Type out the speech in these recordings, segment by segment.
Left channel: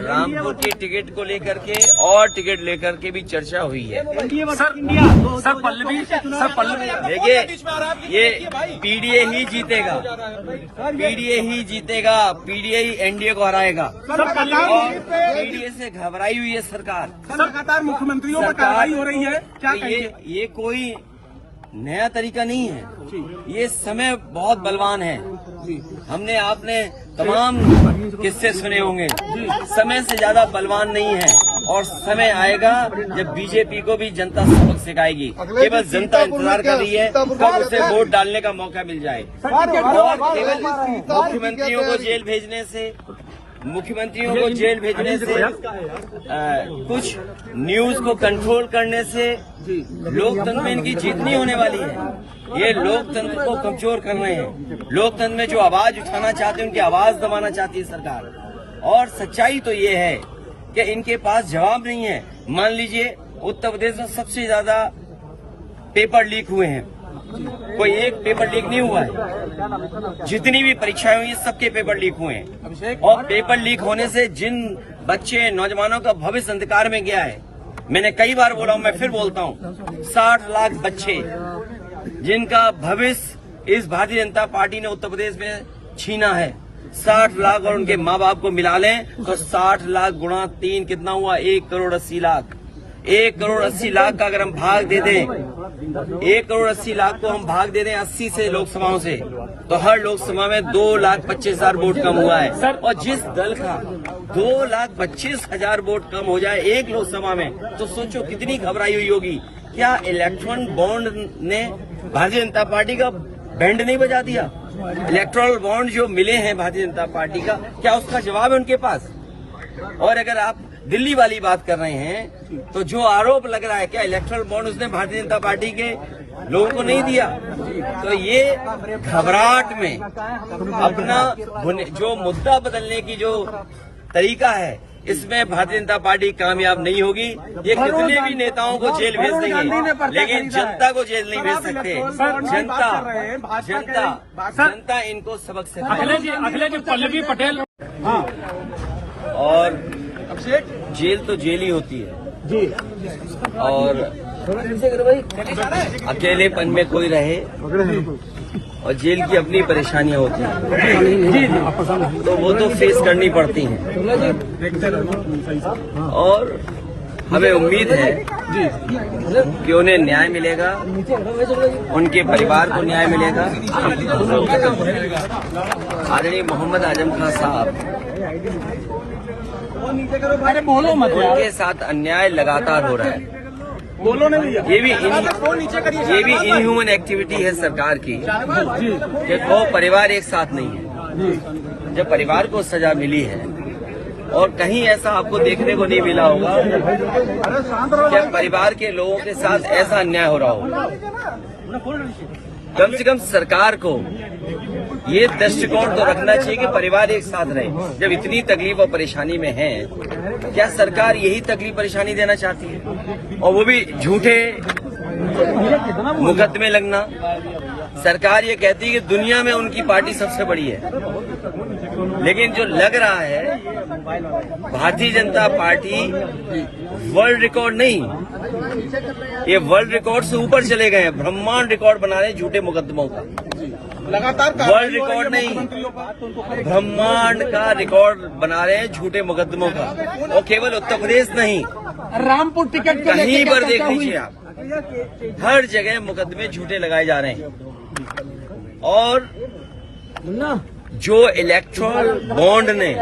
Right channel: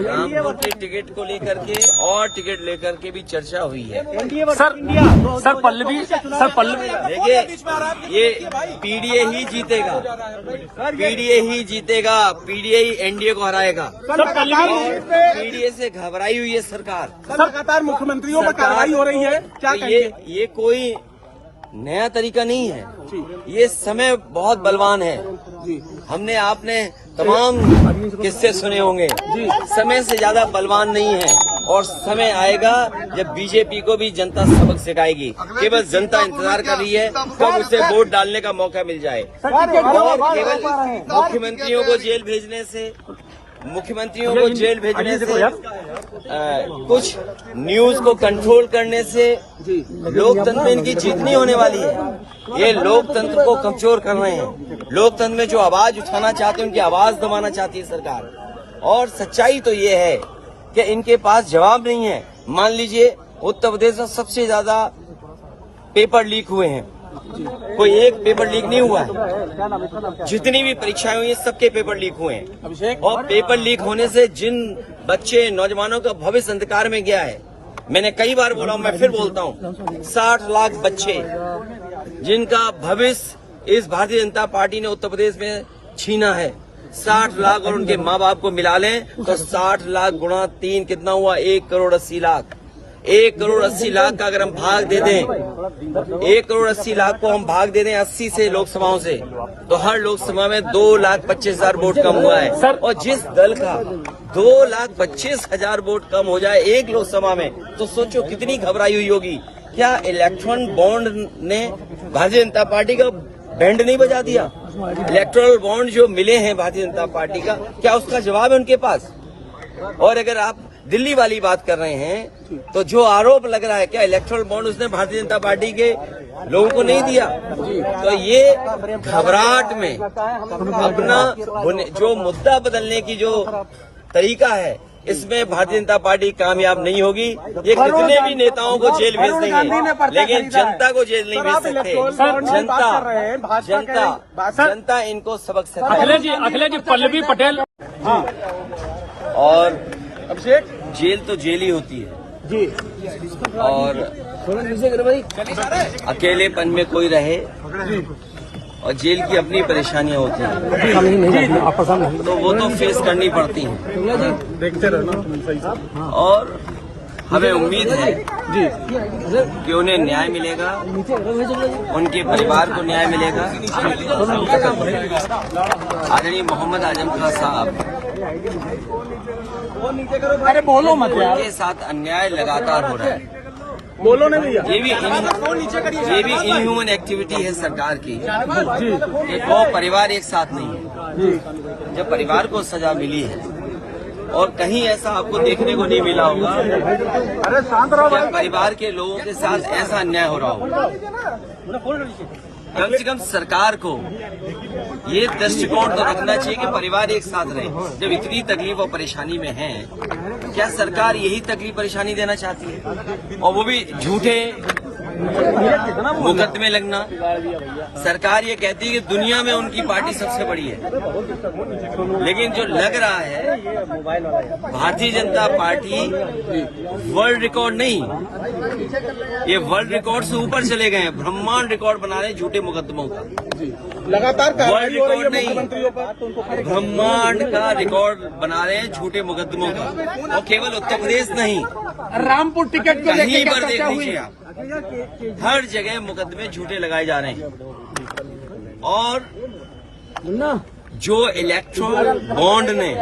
रामपुर की टिकट को लेकर के और टिकट लेकर के भी चर्चा हुई है। सर पल्लवी देखिए, ये पीडीए ही जीतेगा, पीडीए ही एनडीए को हराएगा। पीडीए से घबराई हुई है सरकार। लगातार मुख्यमंत्रियों पर कार्रवाई हो रही है, क्या ये कोई नया तरीका नहीं है। ये समय बहुत बलवान है। हमने आपने तमाम किस्से सुने होंगे। समय से ज्यादा बलवान नहीं है, और समय आएगा जब बीजेपी को भी जनता सबक सिखाएगी। केवल जनता इंतजार कर रही है कब उसे वोट डालने का मौका मिल जाए। और केवल मुख्यमंत्रियों को जेल भेजने से कुछ न्यूज को कंट्रोल करने से लोकतंत्र में इनकी जीत नहीं होने वाली है। ये लोकतंत्र को कमजोर कर रहे हैं। लोकतंत्र में जो आवाज उठाना चाहते हैं उनकी आवाज दबाना चाहती है सरकार। और सच्चाई तो ये है कि इनके पास जवाब नहीं है। मान लीजिए उत्तर प्रदेश में सबसे ज्यादा पेपर लीक हुए हैं, कोई एक पेपर लीक नहीं हुआ है। जितनी भी परीक्षाएं हुई हैं सबके पेपर लीक हुए हैं, और पेपर लीक होने से जिन बच्चे नौजवानों का भविष्य अंधकार में गया है, मैंने कई बार बोला हूं, मैं फिर बोलता हूं, 60 लाख बच्चे जिनका भविष्य इस भारतीय जनता पार्टी ने उत्तर प्रदेश में छीना है। 60 लाख और उनके माँ बाप को मिला लें तो 60 लाख गुणा 3 कितना हुआ? 1 करोड़ 80 लाख। 1 करोड़ 80 लाख का अगर हम भाग दे दें, 1 करोड़ 80 लाख को हम भाग दे दें 80 से लोकसभाओं से, तो हर लोकसभा में 2,25,000 वोट कम हुआ है। और जिस दल का 2,25,000 वोट कम हो जाए एक लोकसभा में, तो सोचो कितनी घबराई हुई होगी। क्या इलेक्ट्रॉन बॉन्ड ने भारतीय जनता पार्टी का बैंड नहीं बजा दिया? इलेक्ट्रल बॉन्ड जो मिले हैं भारतीय जनता पार्टी का, क्या उसका जवाब है उनके पास? और अगर आप दिल्ली वाली बात कर रहे हैं, तो जो आरोप लग रहा है, क्या इलेक्ट्रल बॉन्ड उसने भारतीय जनता पार्टी के लोगों को नहीं दिया? तो ये घबराहट में अपना जो मुद्दा बदलने की जो तरीका है, इसमें भारतीय जनता पार्टी कामयाब नहीं होगी। ये कितने भी नेताओं को जेल भेज देंगे, लेकिन जनता को जेल नहीं भेज सकते। जनता इनको सबक सिखाएगी। अखिलेश जी पल्लवी पटेल और जेल तो जेल ही होती है जी। और अकेलेपन में कोई रहे, और जेल की अपनी परेशानियां होती हैं, तो वो तो फेस करनी पड़ती हैं। और हमें उम्मीद है कि उन्हें न्याय मिलेगा, उनके परिवार को न्याय मिलेगा। आदरणीय मोहम्मद आजम खान साहब, उनके साथ अन्याय लगातार हो रहा है। ये भी इनह्यूमन एक्टिविटी है सरकार की कि वो परिवार एक साथ नहीं है। जब परिवार को सजा मिली है, और कहीं ऐसा आपको देखने को नहीं मिला होगा कि परिवार के लोगों के साथ ऐसा अन्याय हो रहा हो। कम से कम सरकार को ये दृष्टिकोण तो रखना चाहिए कि परिवार एक साथ रहे। जब इतनी तकलीफ और परेशानी में है, क्या सरकार यही तकलीफ परेशानी देना चाहती है? और वो भी झूठे मुकदमे लगना। सरकार ये कहती है कि दुनिया में उनकी पार्टी सबसे बड़ी है, लेकिन जो लग रहा है, Bharatiya Janata party world record नहीं, ये वर्ल्ड रिकॉर्ड से ऊपर चले गए हैं। ब्रह्मांड रिकॉर्ड बना रहे हैं झूठे मुकदमों का। लगातार वर्ल्ड रिकॉर्ड नहीं, ब्रह्मांड का रिकॉर्ड बना रहे हैं झूठे मुकदमों का। और केवल उत्तर प्रदेश नहीं, रामपुर टिकट कहीं पर देख लीजिए आप, हर जगह मुकदमे झूठे लगाए जा रहे हैं। और जो इलेक्ट्रल बॉन्ड ने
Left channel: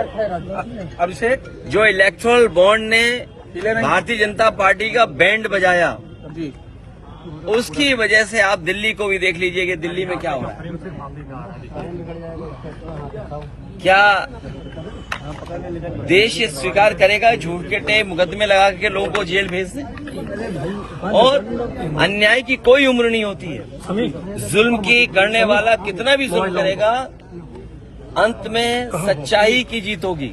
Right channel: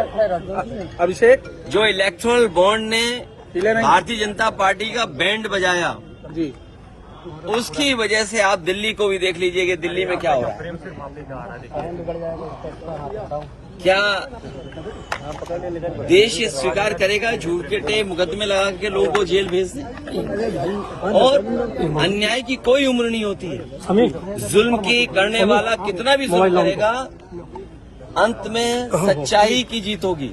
भारतीय जनता पार्टी का बैंड बजाया, उसकी वजह से आप दिल्ली को भी देख लीजिए कि दिल्ली में क्या हो रहा है। क्या देश ये स्वीकार करेगा झूठे मुकदमे लगा के लोगों को जेल भेज दें? और अन्याय की कोई उम्र नहीं होती है। जुल्म की करने वाला कितना भी जुल्म करेगा, अंत में सच्चाई की जीत होगी।